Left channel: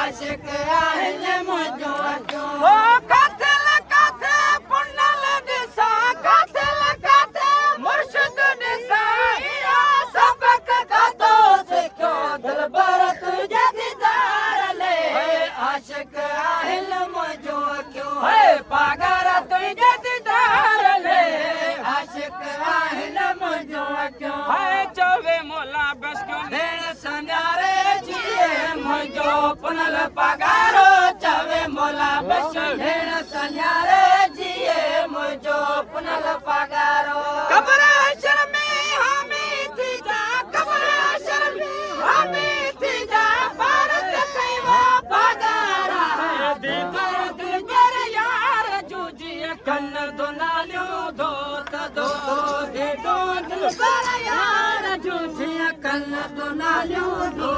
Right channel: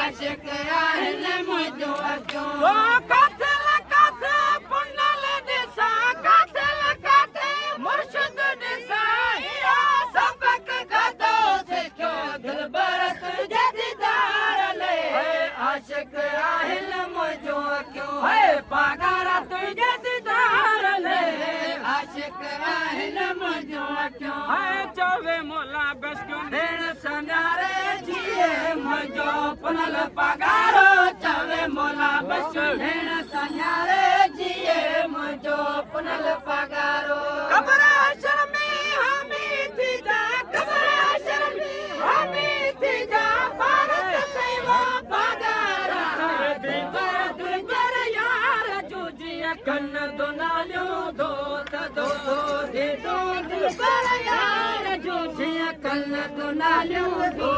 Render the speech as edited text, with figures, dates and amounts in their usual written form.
आशिक आहिल मुंहिंजो अचो काथे काथे पुनल ॾिसा काथे काथे मुर्शिद ॾिसा इहा सबक खाधो सिखियो दिलबर तुंहिंजे दीदार ले आशिक आहिल मुंहिंजो अचो पागार तुंहिंजे दीदार ले आशिक आहिल मुंहिंजो अचो चवे मोला बस भेण सन्यारे जिए मुंहिंजो पुनल पगारो चवे मोला बस भेण सन्यारे जिए मुंहिंजो पुनल पगारो कब्र अशर में हामी थी जा कब्र अशर में हामी थी जा भारत कईवा पगारा दिलबर तुंहिंजर यार जूजिए कन दोनालियूं दो तदो दे दो दिलबर यार जूजिए कन दोनालियूं दो